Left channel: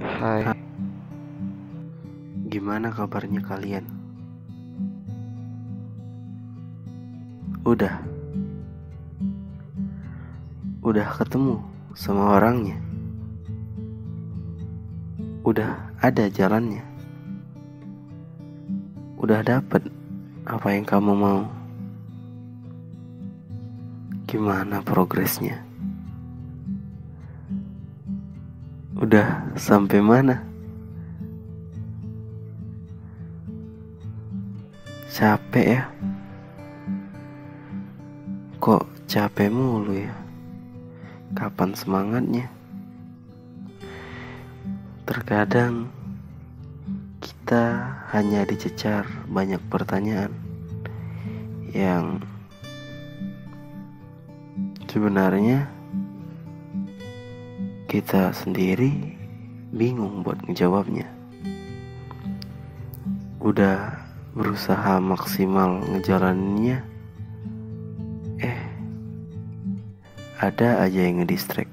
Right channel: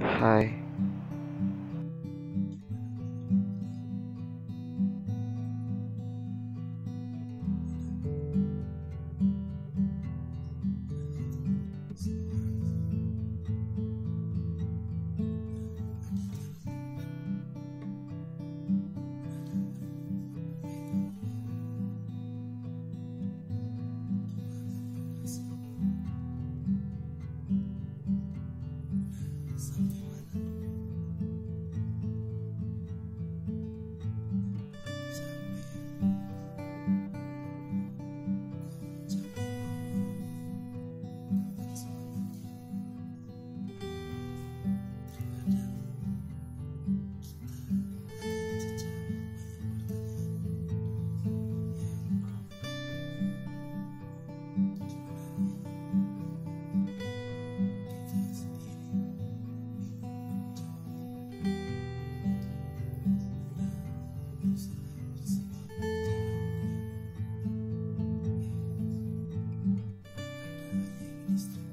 Hai, gimana kabarnya kalian? Udah ketemu sama orangnya? Udah ada jalannya? Udah dapet apa yang kamu mau? Gimana progresnya? Udah sampai mana? Capek ya? Kok capek mulu ya? Kapan semangatnya? Terkadang kita hanya dicecar banyak pertanyaan yang sebenarnya kita sendiri bingung buat ngejawabnya. Udah berusaha maksimal ngejalaninnya, ada aja yang ngedistract.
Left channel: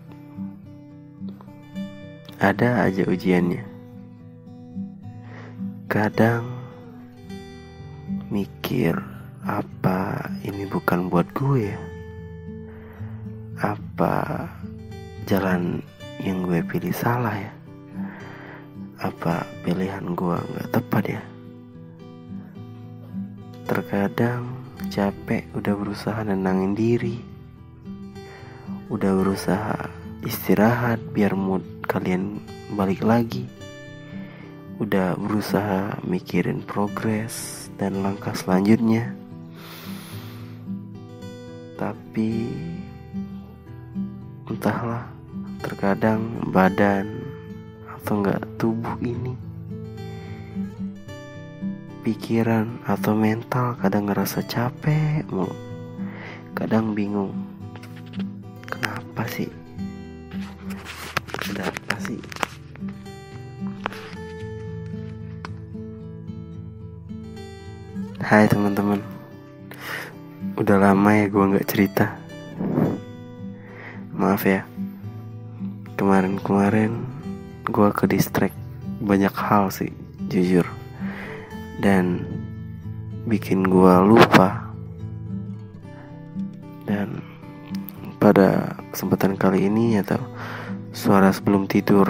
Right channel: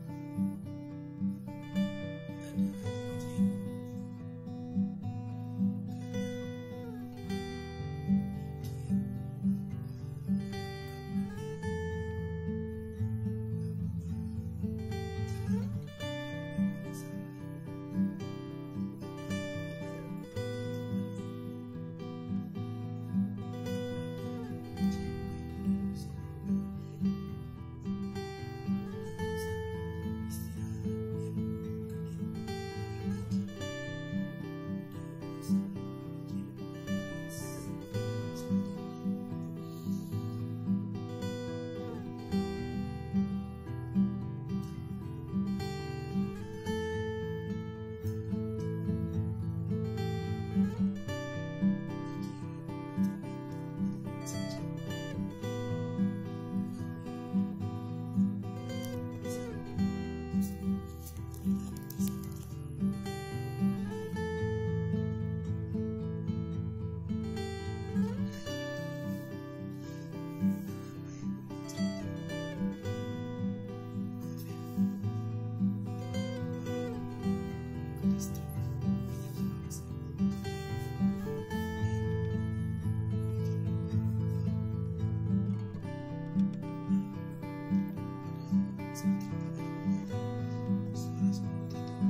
Ada aja ujiannya. Kadang mikir, apa ini bukan buat gue ya? Apa jalan yang gue pilih salah ya? Apa pilihan gue gak tepat ya? Terkadang capek udah berusaha nenangin diri, udah berusaha istirahat biar mood kalian balik lagi, udah berusaha mikirin progres dan langkah selanjutnya, tapi entahlah, terkadang badan atau enggak tubuh ini, pikiran atau mental kadang ngerasa capek mulu. Kadang bingung, kenapa sih? Kenapa sih? Hai teman-teman, udah lama ya gue gak cerita. Maaf ya, kemarin gue ke distract banyak hal sih, jujur. Dan bikin gue lupa. Dan pada kesempatan kali ini atau suara sebelum tidur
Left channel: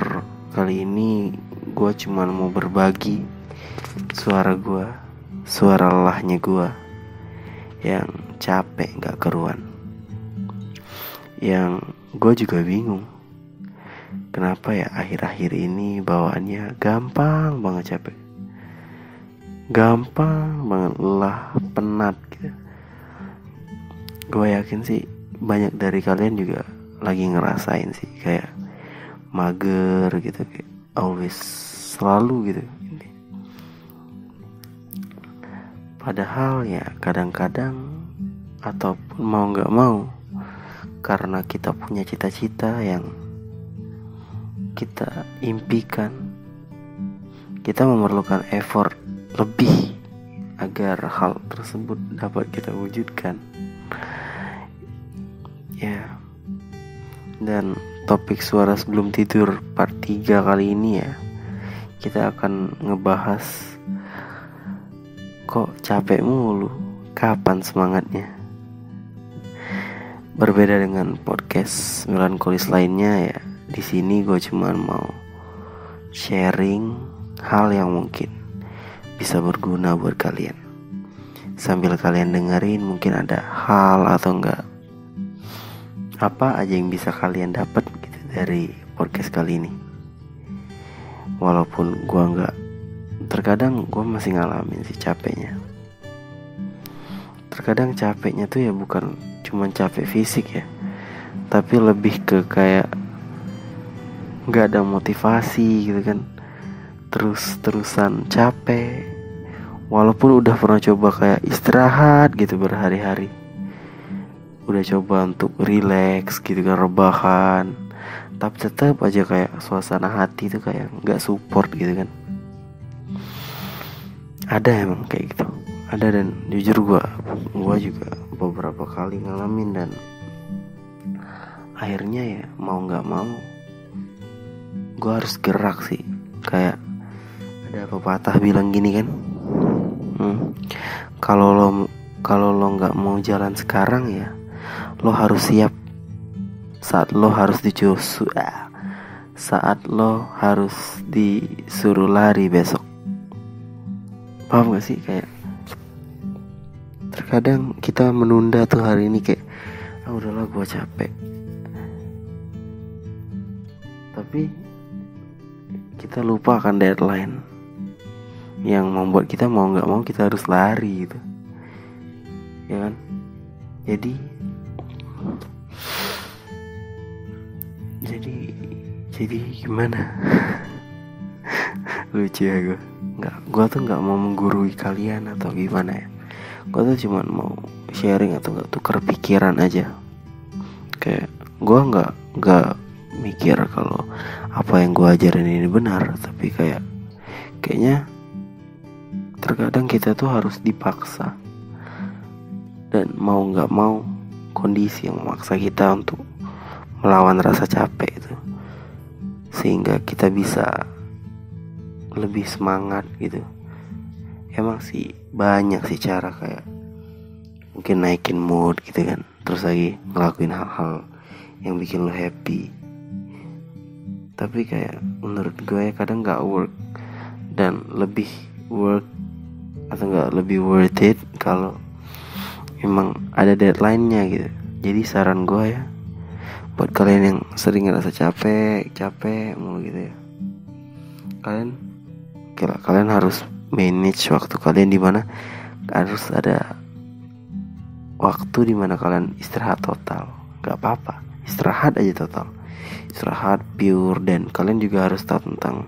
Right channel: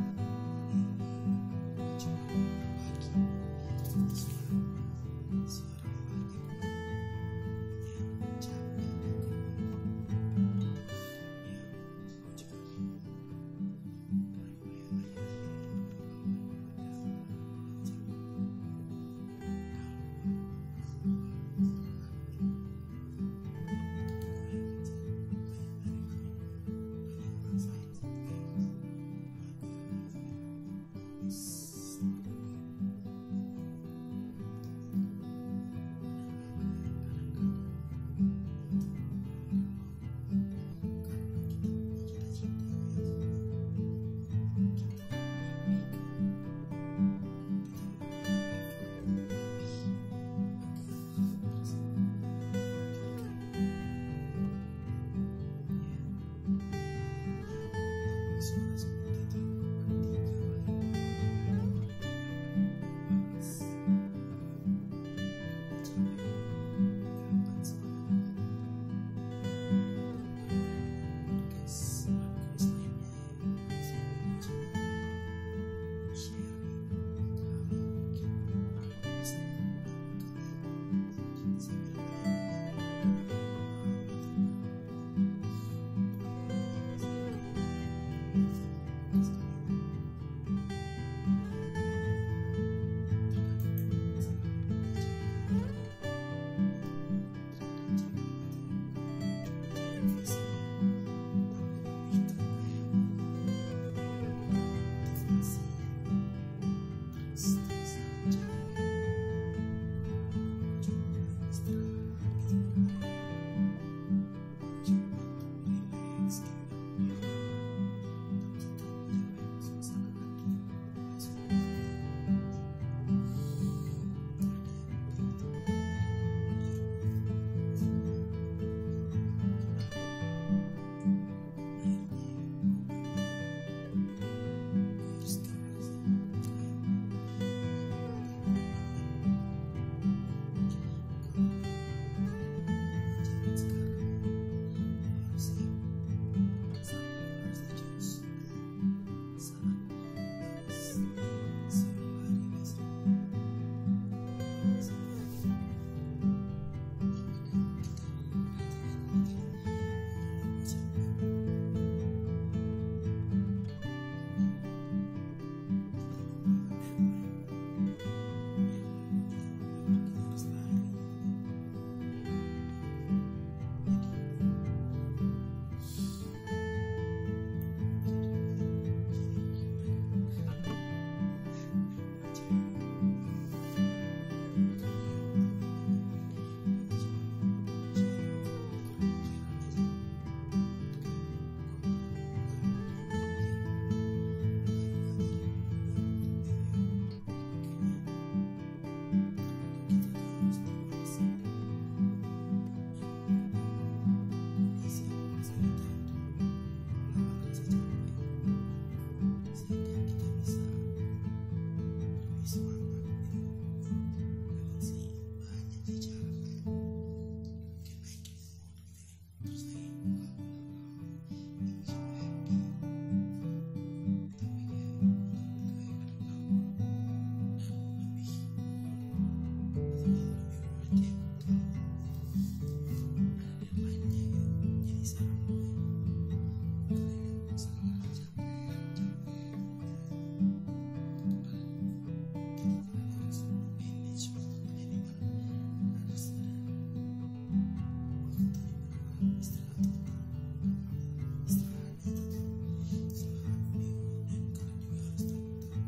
kali ini, gue cuman mau berbagi suara gue, suara lelahnya gue yang capek gak keruan. Yang gue juga bingung, kenapa ya akhir-akhir ini bawaannya gampang banget capek, gampang banget lelah, penat gitu. Gue yakin sih banyak dari kalian juga lagi ngerasain sih, kayak mager gitu, kayak always, selalu gitu. Padahal ya kadang-kadang ataupun mau gak mau, karena kita punya cita-cita yang kita impikan, kita memerlukan effort lebih agar hal tersebut dapat kita wujudkan. Ya. Dan topik suara sebelum tidur part 3 kali ini ya, kita akan ngebahas kok capek mulu, kapan semangatnya. Berbeda dengan podcast melankolis lainnya ya, di sini gue cuma mau sharing hal yang mungkin bisa berguna buat kalian. Sambil kalian dengerin, mungkin ada hal atau enggak apa aja yang bisa kalian dapat gitu dari podcast kali ini. Walaupun gue enggak, terkadang gue masih ngalamin sih capeknya. Terkadang capeknya tuh ya bukan cuma capek fisik ya, tapi lebih ke kayak gak ada motivasi gitu kan. Terus-terusan capek, walaupun udah pernah coba kayak istirahat gitu berhari-hari, udah coba untuk relax gitu kan, rebahan, tapi tetap aja kayak suasana hati tuh kayak gak support gitu kan. Ada emang kayak gitu, ada. Dan jujur gue juga beberapa kali ngalamin, dan akhirnya ya mau gak mau gue harus gerak sih. Kayak ada pepatah bilang gini kan, kalau lo nggak mau jalan sekarang ya, lo harus siap saat lo harus disuruh lari besok. Paham gak sih? Kayak terkadang kita menunda tuh hari ini, kayak udahlah gue capek, tapi kita lupa akan deadline yang membuat kita mau gak mau kita harus lari gitu, ya kan? Jadi gimana? Lucu ya gue tuh nggak mau menggurui kalian atau gimana ya. Gue tuh cuma mau sharing atau nggak tukar pikiran aja. Kayak gue nggak mikir kalau apa yang gue ajarin ini benar, tapi kayaknya terkadang kita tuh harus dipaksa, dan mau nggak mau kondisi yang memaksa kita untuk melawan rasa capek itu, sehingga kita bisa lebih semangat gitu. Emang sih banyak sih cara, kayak mungkin naikin mood gitu kan, terus lagi ngelakuin hal-hal yang bikin lo happy. Tapi kayak menurut gue kadang gak work, dan lebih work atau gak lebih worth it kalau emang ada deadline-nya gitu. Jadi saran gue ya, buat kalian yang sering ngerasa capek mulu gitu ya, kalian harus manage waktu kalian, dimana harus ada waktu dimana kalian istirahat total. Gak apa-apa, istirahat aja total, istirahat pure. Dan kalian juga harus tahu tentang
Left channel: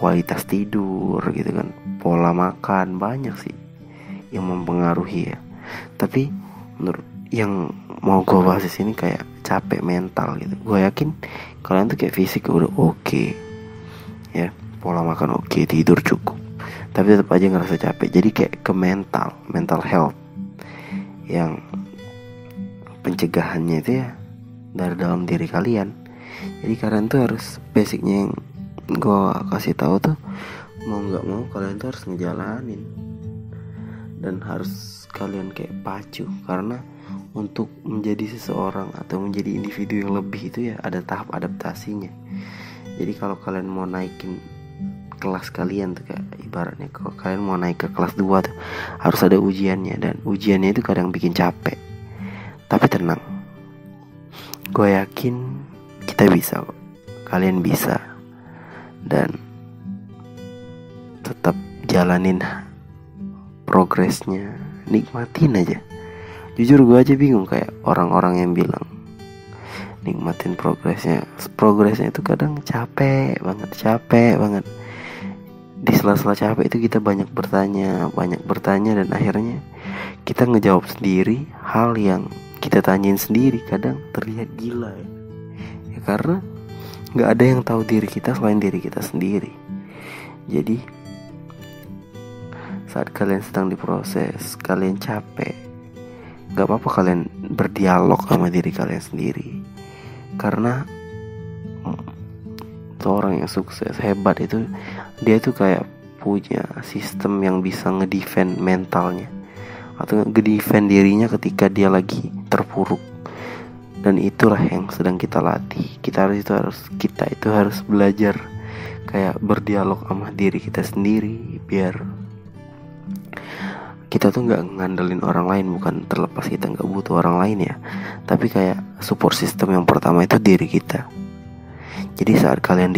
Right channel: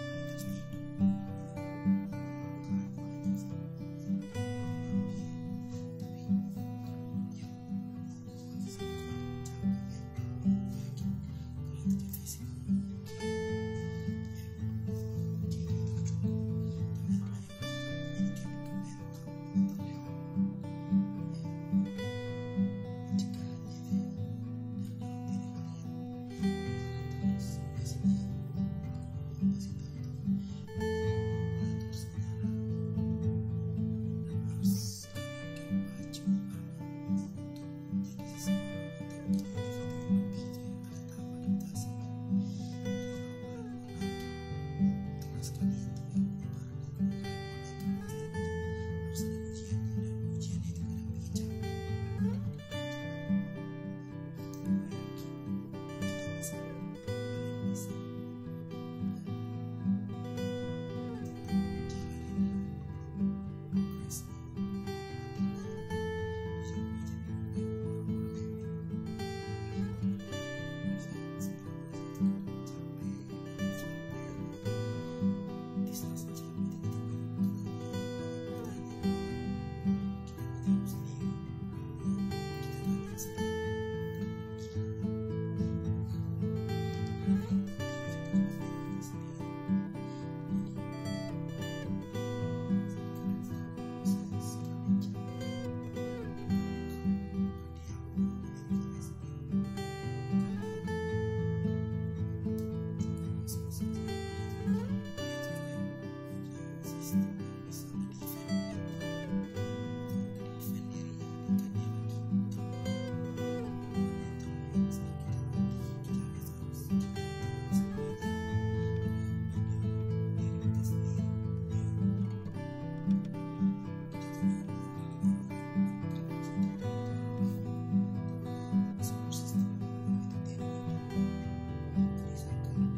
kualitas tidur gitu kan, pola makan, banyak sih yang mempengaruhi ya. Tapi menurut yang mau gue bahas di sini kayak capek mental gitu. Gue yakin kalian tuh kayak fisik udah oke ya, pola makan oke, tidur cukup, tapi tetap aja ngerasa capek. Jadi kayak ke mental health, yang pencegahannya itu ya dari dalam diri kalian. Jadi kalian tuh harus, basicnya yang gue kasih tahu tuh, mau nggak mau kalian tuh harus ngejalanin, dan harus kalian kayak pacu, karena untuk menjadi seseorang atau menjadi individu yang lebih itu ya ada tahap adaptasinya. Jadi kalau kalian mau naikin kelas kalian tuh, kayak ibaratnya kalau kalian mau naik ke kelas 2 tuh harus ada ujiannya, dan ujiannya itu kadang bikin capek. Tapi tenang, gue yakin kita bisa kok, kalian bisa, dan tetap jalanin progresnya, nikmatin aja. Jujur gue aja bingung kayak orang-orang yang bilang nikmatin progresnya itu kadang capek banget. Di sela-sela capek itu kita banyak bertanya, dan akhirnya kita ngejawab sendiri hal yang kita tanyain sendiri. Kadang terlihat gila ya, karena gak ada yang tahu diri kita selain diri kita sendiri. Jadi saat kalian sedang diproses, kalian capek, gak apa-apa kalian berdialog sama diri kalian sendiri. Karena seorang yang sukses, hebat itu, dia tuh kayak punya sistem yang bisa ngedefend mentalnya atau ngedefend dirinya ketika dia lagi terpuruk. Dan itulah yang sedang kita latih. Kita itu harus belajar kayak berdialog sama diri kita sendiri, biar kita tuh gak ngandelin orang lain. Bukan terlepas kita gak butuh orang lain ya, tapi kayak support system yang pertama itu diri kita. Jadi saat kalian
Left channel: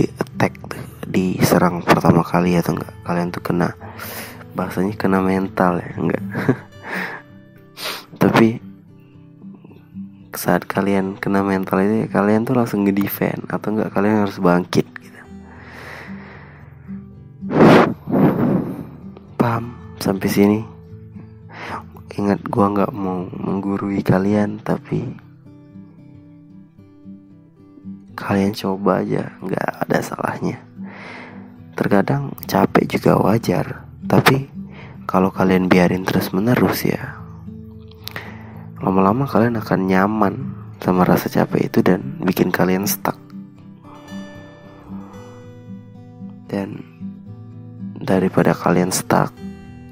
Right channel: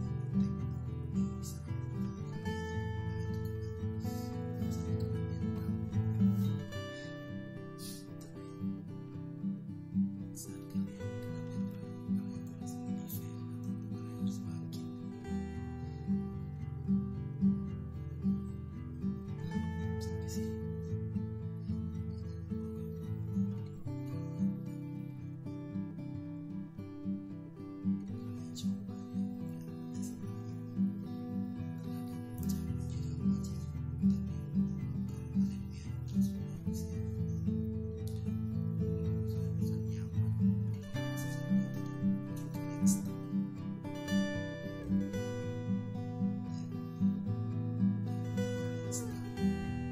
diserang pertama kali atau enggak, kalian tuh kena, bahasanya kena mental ya, enggak tapi saat kalian kena mental itu, kalian tuh langsung nge-defend, atau enggak kalian harus bangkit gitu. Paham sampai sini? Ingat, gua gak mau menggurui kalian, tapi kalian coba aja, gak ada salahnya. Terkadang capek juga wajar, tapi kalau kalian biarin terus menerus ya, lama-lama kalian akan nyaman sama rasa capek itu dan bikin kalian stuck. daripada kalian stuck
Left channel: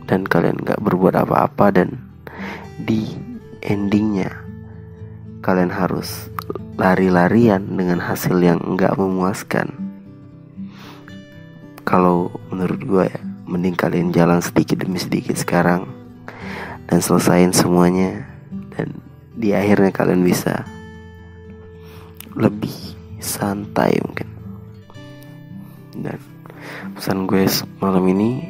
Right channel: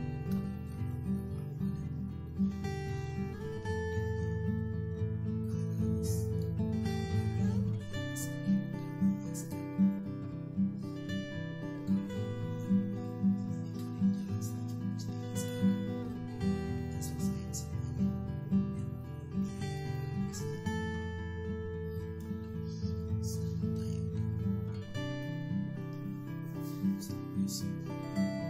dan kalian gak berbuat apa-apa, dan di endingnya kalian harus lari-larian dengan hasil yang gak memuaskan. Kalau menurut gue ya, mending kalian jalan sedikit demi sedikit sekarang dan selesain semuanya, dan di akhirnya kalian bisa lebih santai mungkin. Dan pesan gue malam ini,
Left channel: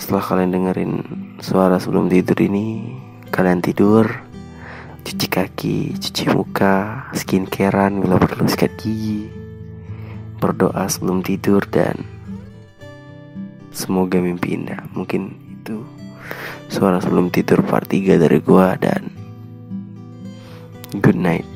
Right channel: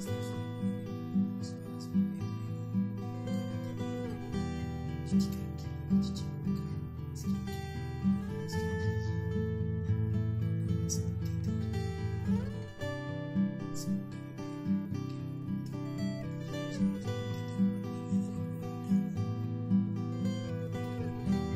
setelah kalian dengerin suara sebelum tidur ini, kalian tidur, cuci kaki, cuci muka, skincarean bila perlu, sikat gigi, berdoa sebelum tidur, dan semoga mimpi indah. Mungkin itu suara sebelum tidur part 3 dari gua, dan good night.